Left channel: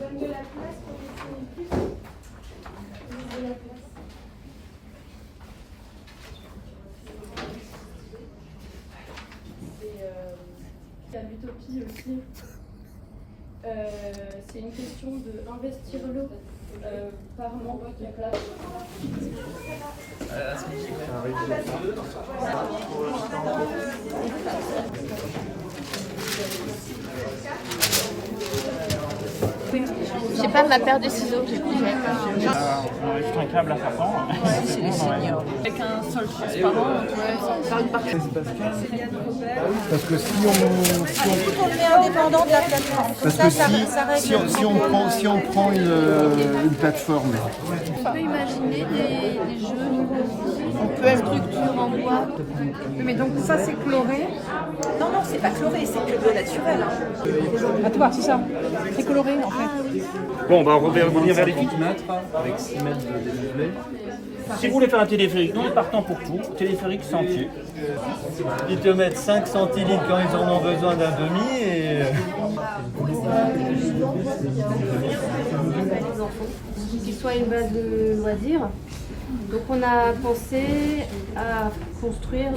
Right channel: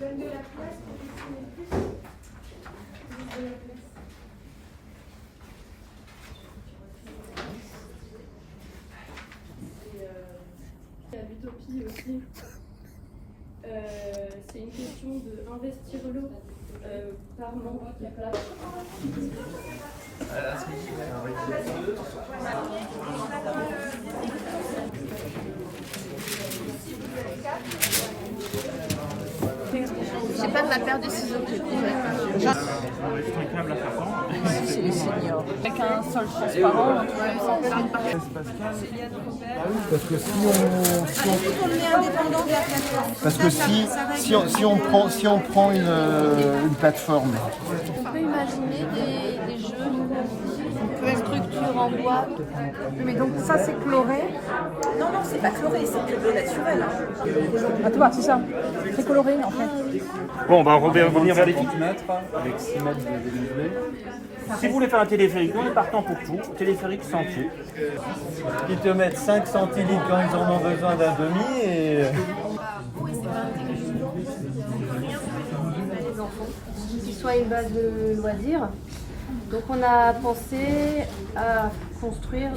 Il y a l'utopie aussi. C'est une question d'investir l'eau par membre qui place. J'ai pas de ma paire de ciseaux. Juste un câble à faire fond. C'est les seniors. Avec un sol transparent. Parce que si On le met indépendant de la plateforme. Parce que si on prend une plateforme. On peut imaginer des jeux, structures en bois. Mais donc ça c'est chloré. Non, non, c'est pas chloré, c'est que de l'eau naturelle. Ah, tu vois, c'est ça. C'est coloré en fait. Bon, on va revenir vers les filles. Avec 6 mètres de dénivelé. Si vous voulez faire un téléphérique, nous on est partant pour tout. Téléphérique sentier. Ils te mettent 5 centilitres quand ils en ont besoin d'un demi et... Les enfants, qu'il soit une base de loisirs. Donc on a pensé à construire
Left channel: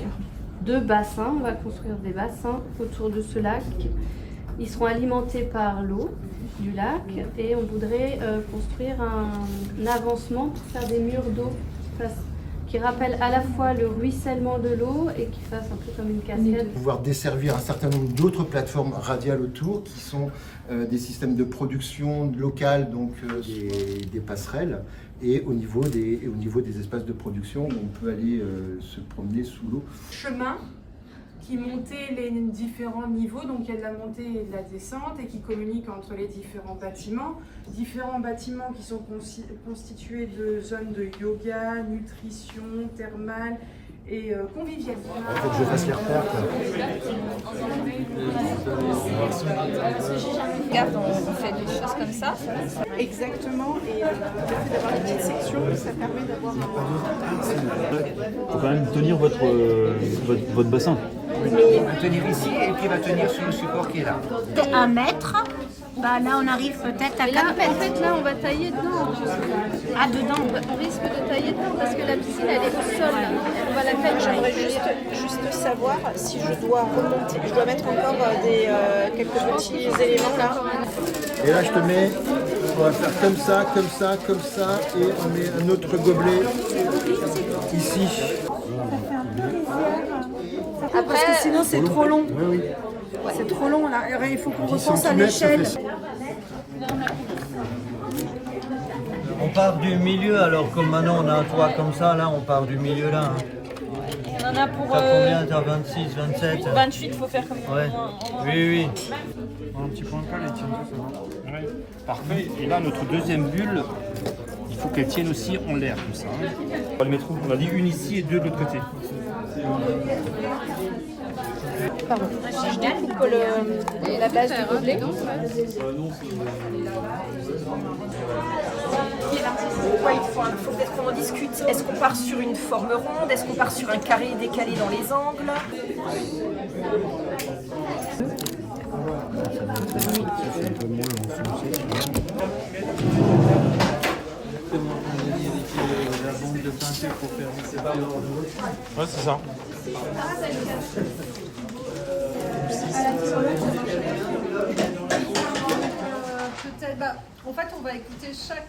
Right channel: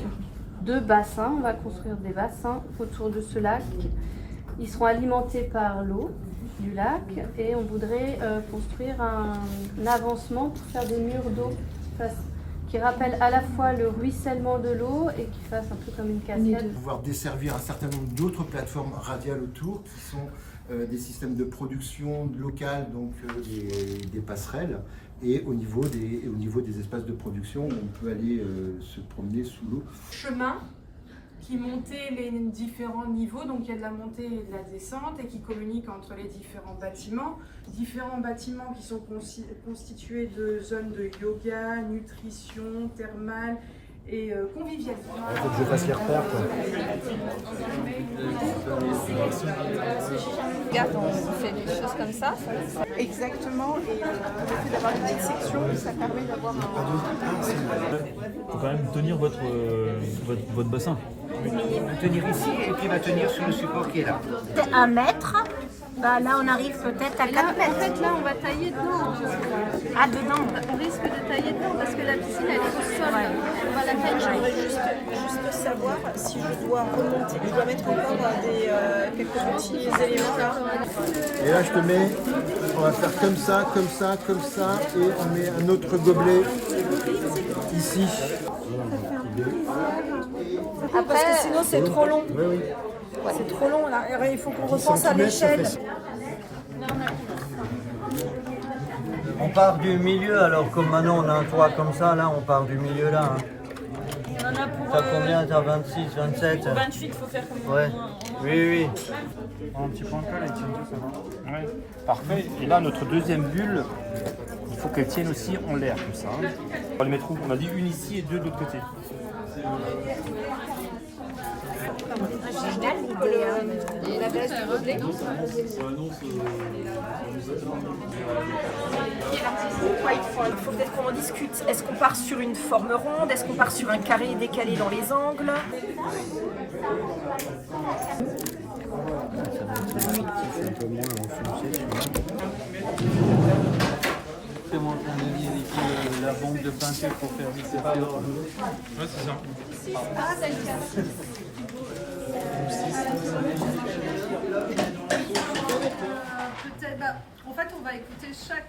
2 bassins. On va construire des bassins autour de ce lac. Ils seront alimentés par l'eau du lac et on voudrait construire un avancement pour faire des murs d'eau qui rappellent à la fois le ruissellement de l'eau et qui fassent un peu comme une cascade. Pouvoir desservir un certain nombre d'autres plateformes radiales autour qui sont des systèmes de production locale, donc des passerelles, et au niveau des espaces de production où on peut aller se promener sous l'eau. Chemin qui montait les différents niveaux, donc il y a de la montée et de la descente et qui communiquent entre les différents bâtiments qui sont constitués de zones de yoga, nutrition, thermale et convivialité. Il faut que je fasse les repères, quoi. Regarde, on fait des choses comme ça. Exactement, et le fait d'avoir des petites sections, ça permet d'avoir Il faut quand même tenir votre bassin. Il va tenir ici et puis il va tenir sur le support qui est là. 1 mètre, bah là on arrive peut-être à 4 mètres. En fait là on va tailler dedans. Ah, dedans. On risque de tailler dedans parce que la piscine elle est au sol. On va la tailler. J'aimerais juste savoir si je dois remonter, je dois mettre encore quelques petits éléments là. Et là, je te mets, on va faire comme ça, comme ça, comme ça, et on met un autre gobelet ici. parce que sinon c'est trop long. Oui, oui. C'est trop long là. Il faut qu'on 10 repense à centimètres, ça l'échelle. fait ça. On part du milieu, alors comme maintenant on a un toit comme ça, là on part du milieu là. Hein. On en a pour T'as combien? T'as 26, 27? 28, il faut faire comme Ouais. Oui, oui. Un petit peu encore, elle tient tout ça. Oui. Parfait. Et là, notre deuxième bulle, il faut qu'elle tienne aussi en l'air, comme ça. Hein. On va les mettre où? On a dit une ici et 2 de l'autre côté. La base du gobelet. il faut peut-être qu'on en discute. Est-ce qu'on part sur une forme ronde? Est-ce qu'on part sur un carré décalé dans les angles? La banque de peinture pour faire Ouais, c'est ça. En fait, on va écouter chaque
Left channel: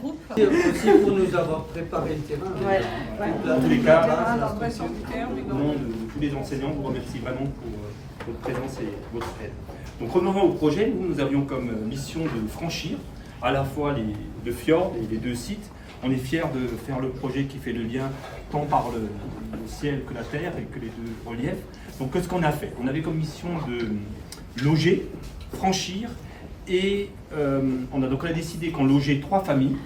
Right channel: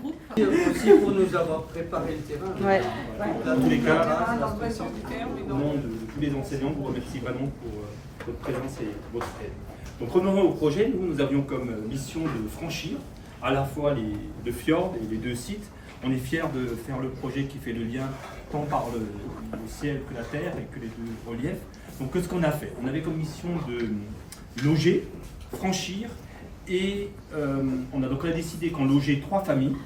groupe. Aussi pour nous avoir préparé le terrain. Dans tous les cas, au nom de tous les enseignants, je vous remercie vraiment pour votre présence et votre aide. Donc revenons au projet, nous avions comme mission de franchir à la fois le fjord et les 2 sites. On est fiers de faire le projet qui fait le lien tant par le ciel que la terre et que les 2 reliefs. Donc qu'est-ce qu'on a fait? On avait comme mission de loger, franchir et on a décidé qu'on logeait 3 familles.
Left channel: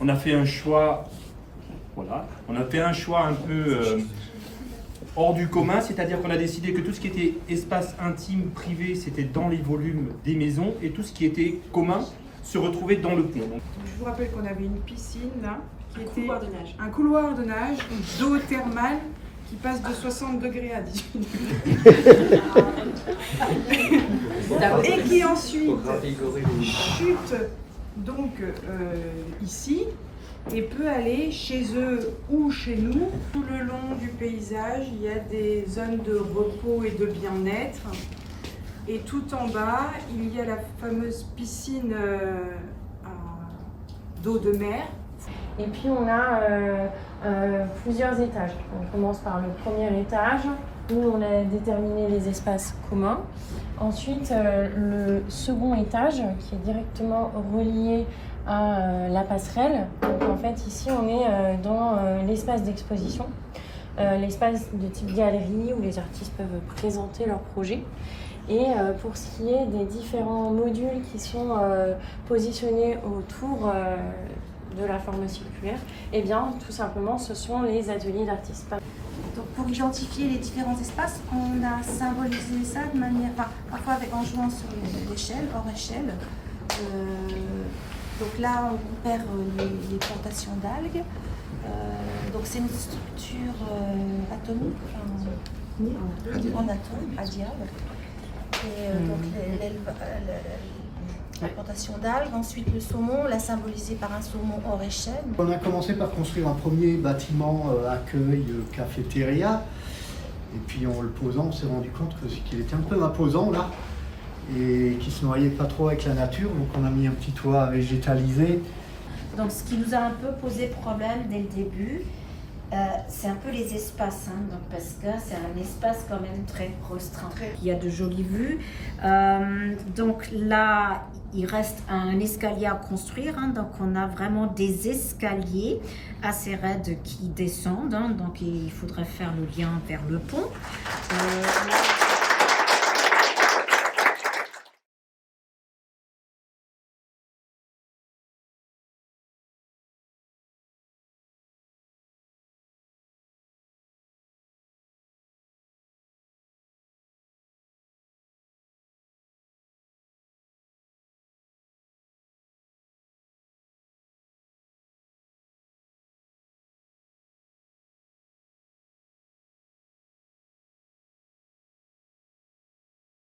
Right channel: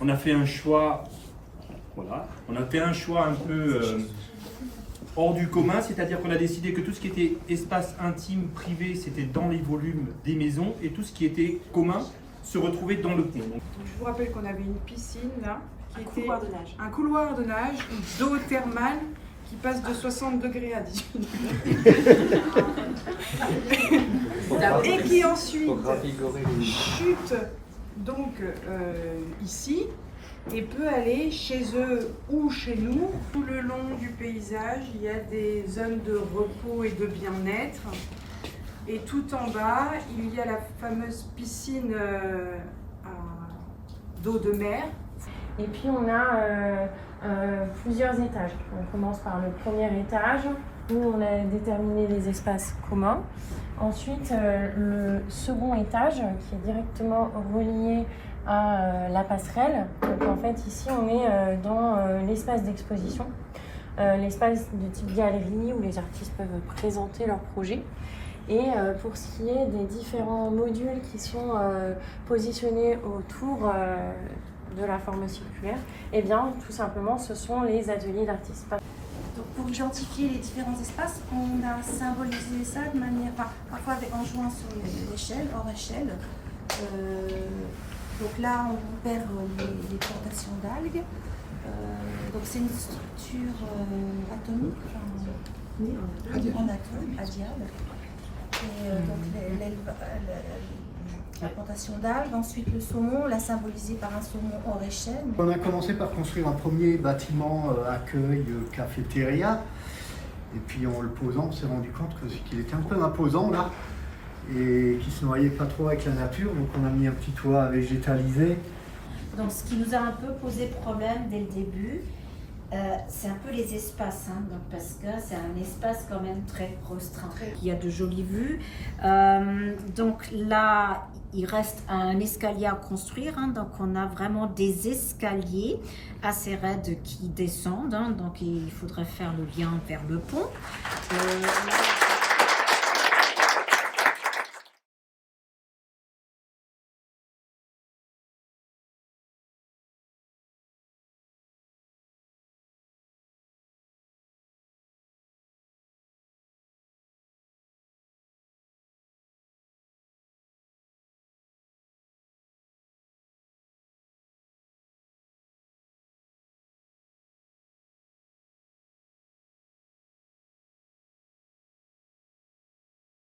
On a fait un choix, voilà, on a fait un choix un peu hors du commun, c'est-à-dire qu'on a décidé que tout ce qui était espace intime, privé, c'était dans les volumes des maisons et tout ce qui était commun se retrouvait dans le pont. Donc, Je vous rappelle qu'on avait une piscine là, qui était un couloir de nage d'eau thermale qui passe de 60 degrés à 18 degrés. Et qui ensuite chute donc ici et peut aller chez eux ou chez nous. Tout le long du paysage, il y a des zones de repos et de bien-être. Et tout en bas, il y a la fameuse piscine d'eau de mer. Et puis on a plusieurs étages. On commence par le premier étage où on a déterminé les espaces communs. Ensuite, le second étage qui est directement relié à la passerelle. Donc en fait ici on est dans l'espace d'exposition, l'espace de type galerie où les artistes peuvent présenter leurs projets. Et pour ce qui est des différents modules qui sont positionnés autour de la forme circulaire, eh bien tout simplement ce sont les ateliers d'artistes. Donc pour identifier les différents espaces, on a symbolisé ça de manière, parfois en jouant sur l'échelle, hors échelle. Donc là, on repère les plantations d'algues. Donc c'est une structure atomique, en atome, radiale. Et donc la plantation d'algues, ensuite le saumon, on l'a symbolisé par un saumon hors échelle. On a commencé par construire un premier bâtiment accueil, cafétéria. Et puis en le posant, on s'est rendu compte qu'il était un peu imposant là. Et qui se noyait pas trop avec la nature, donc on a mis un petit toit végétalisé. Donc ce qui nous a un peu posé problème dès le début, c'est un peu les espaces, donc parce que c'est un espace quand même très restreint. Il y a de jolies vues, donc là il reste un escalier à construire, donc on a vraiment des escaliers assez raides qui descendent, donc il faudrait faire le lien vers le pont.